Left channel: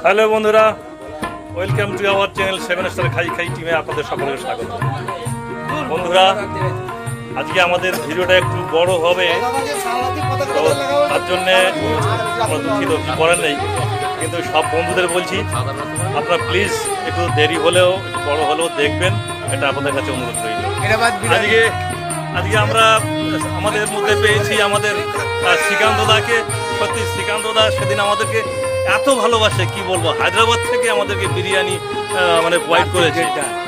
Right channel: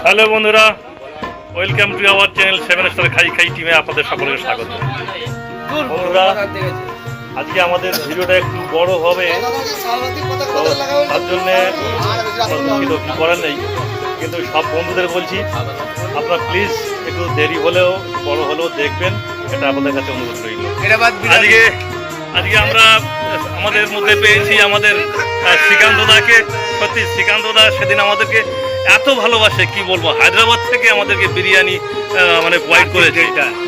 Hello বন্ধুরা, welcome to our channel 7 star খাই খাই টিমে আপনাদের সকলকে স্বাগত। বন্ধুরা, আজকে আমাদের ভিডিওটা একটু বড় হবে, তো তার জন্যে আমরা দুঃখিত, কি করার নেই। কিন্তু সব বন্ধুদের বলছি, আপনারা প্লিজ একটু দেরি হলেও একটু বড় হলেও দেখবেন, এটা আপনাদের কাছে অনুরোধ রইল। আজকে আমরা আমাদের মধ্যে পেয়েছি আমাদের শ্রীকান্ত দাকে। সত্যি শ্রীকান্ত দা সেদিন আমাদেরকে এত ভালোবাসে, কি বলবো। হায়দ্রাবাদ থেকে আমাদেরকে বিরিয়ানি মানে প্রোভাইড করেছে।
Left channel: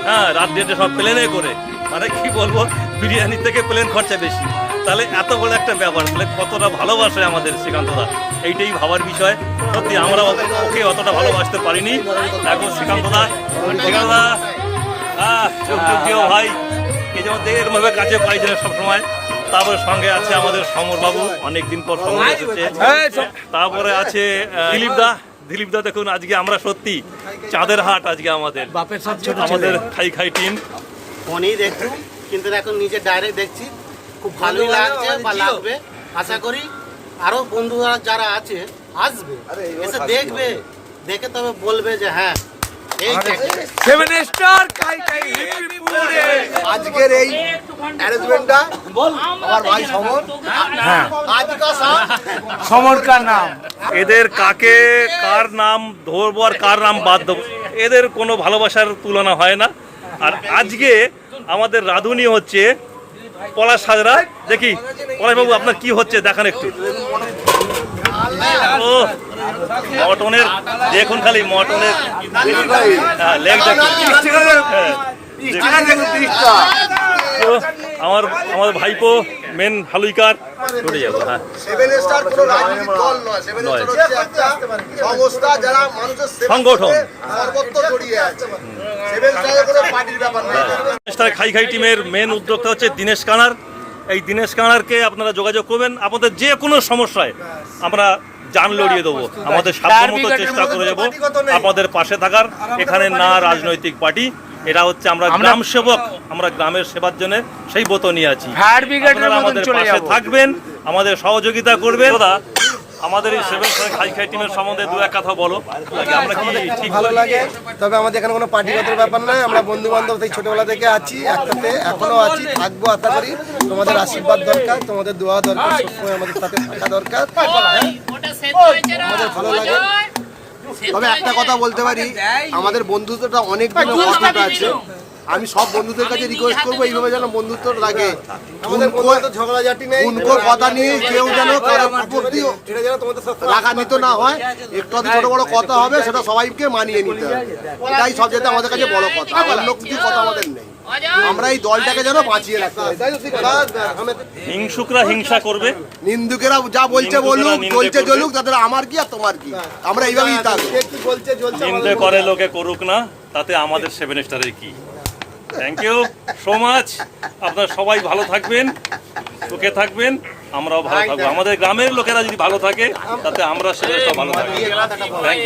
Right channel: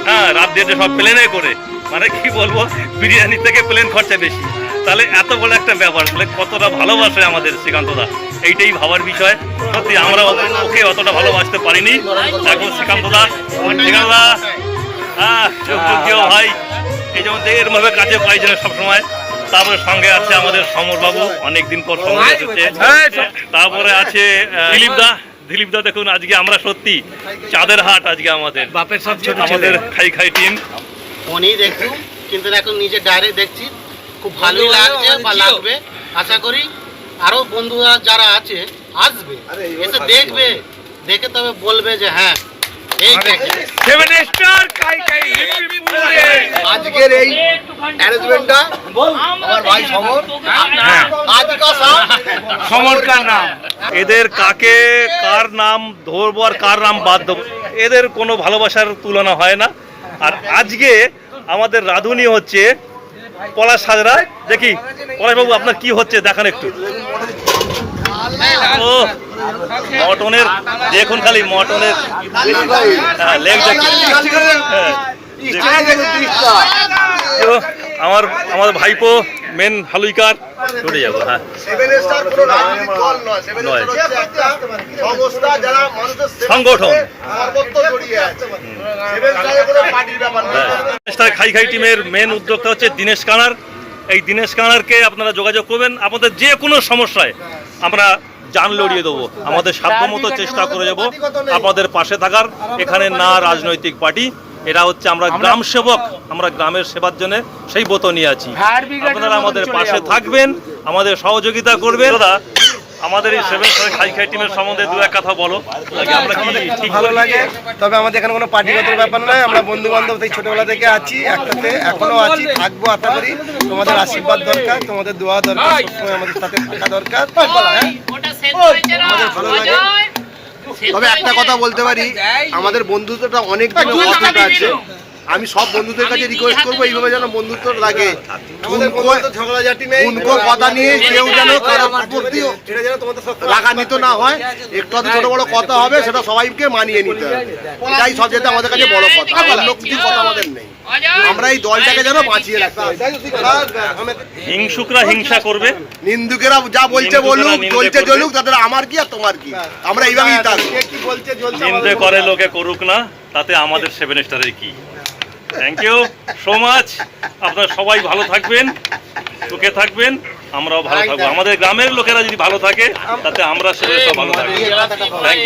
হ্যাঁ, রাত দেড়টা সব প্লেনে করে, মানে কি বলবো, বিরিয়ানি থেকে প্লেন খরচা বেশি। তাহলে এত বড় একটা ব্যাপার, তাহলে কতটা ভালোবাসে আমাদের শ্রীকান্ত দা, এইটাই ভাবার বিষয়। সত্যি আমরা ওকে অতটা ভালোবাসতে পারিনি। এখন শ্রীকান্ত দা যোগ্য ভাই, এই যেমন এরমভাবে কাছে পাইছে না সবসময়। তারপরে সঙ্গে আছে আমাদের সমর বাবু, অনেকদিন পর সমর এসেছে। তারপরে আছে দিলীপ দা। দেখুন আজকে আমরা সত্যি চাঁদের হাট, আজকে আমাদের বাপের সব ছোট আমাদের খাই খাই টিম। ফোনেই দেখছি, কিন্তু এখন নিজে ডাইরেক্ট দেখছি, খুব ভালোই লাগছে বা লাগবে। আশা করি আরো বন্ধুরা যারা আছে আসবে, এসে দেখবে, দেখে তবে বলবে যে হ্যাঁ এই 7 স্টার খাই খাই হিপিপুরে। আজকের এই অ্যারেঞ্জমেন্টটা আমার ভাই সমর, সমর কা নাম। এদের কাকে কার নাম ধরবো আর কার নাম বাদ দেবো, এদের কোনো ভালোবাসার তুলনা হয় না। আর আজকে আমাদের রাঁধুনি হচ্ছে পলাশ হাজরা। দেখি পলাশবাবু আপনার কি হচ্ছে দেখান একটু। ও মটনের দেখুন, খালি মটনের লেগ দেখুন। আমার ভাইপো মেন হালুইকার চলে যাবো। হ্যাঁ, 7 স্টার কোনো রাজনৈতিক দল নয়, 7 স্টার হচ্ছে একটা সংস্থা যারা মানুষের সংগঠন সর্বত্র জড়িয়ে আছে। 7 স্টারে কোনো পার্টির ব্যাপার নেই। খাই খাই টিমের মেন উদ্যোক্তা হচ্ছে দীনেশ কানার। এই দীনেশ কানারকে আপনারা যোগাযোগ করবেন, আপনাদের যে কোনো সমস্যায় আমরা জান লড়িয়ে দেবো। আমাদের সাধ্যমতো চেষ্টা করে যাবো আপনাদের পাশে থাকার। এখানে না রাজনৈতিক পার্টি, এরা হচ্ছে আমরা গ্রাম সেবক, আমরা গ্রামের সেবার জন্য সেই ব্রত নিয়ে আছি। আপনারা আমাদের পাশে থাকবেন, আমাদের সহযোগিতা করবেন। দাদা, আমাদের এই 7 স্টার খাই খাই টিমের সম্বন্ধে দু এক কথা বলো। আমাদের খুব ভালো লাগে, তবে আমাদের এখানে কোনো পার্টিগত ব্যাপার নয়। আমরা বন্ধু বান্ধব থেকে ছোটবেলা থেকে আছি একসাথে, এখনো আছি, থাকবো। আশা করি তোমাদের আশীর্বাদ দরকার, তোমাদের দোয়া দরকার, সবসময় আমাদের সাথে থাকা দরকার। আমাদের ভালো লাগে। তবে একটা কথা বলতে পারি, আমাদের বন্ধুত্বটা অনেক দিন অটুট আছে। আমি সব বন্ধুদের কাছে রিকোয়েস্ট করবো এইভাবে যেন বন্ধুত্ব লাগে, উনকো কথা নিয়ে কেউ যেন কারোর প্রতি রাগান্বিত না হয়। একটু ছোট বড় কথা হবে, সেটা সবাইকে মানিয়ে নিতে হবে। এটাই সবচেয়ে আমাদের কাছে বড় কথা, অন্য কিছু কথা আমাদের নেই। আমরা এই দলটাকে যেন বাঁচিয়ে রাখতে হবে। হিংসুকরা হিংসা করবে, নিন্দুকেরা যা বলছে বলুক, চলছে চলুক, তাদের আমার কি আর তোমার কি, আমরা এইভাবেই থাকবো। নিন্দে করে লোকে করুক না, তাতে আমাদের 7 স্টারের কি। Thank you so much. আপনারা সবাই ভালো থাকবেন, সুখে থাকবেন, আমরাও ভালো থাকবো। আমাদের গ্রামের লোকেরা যদি ভালো থাকে, তাতে আমরা 7 স্টার ভালো থাকবো। Thank you.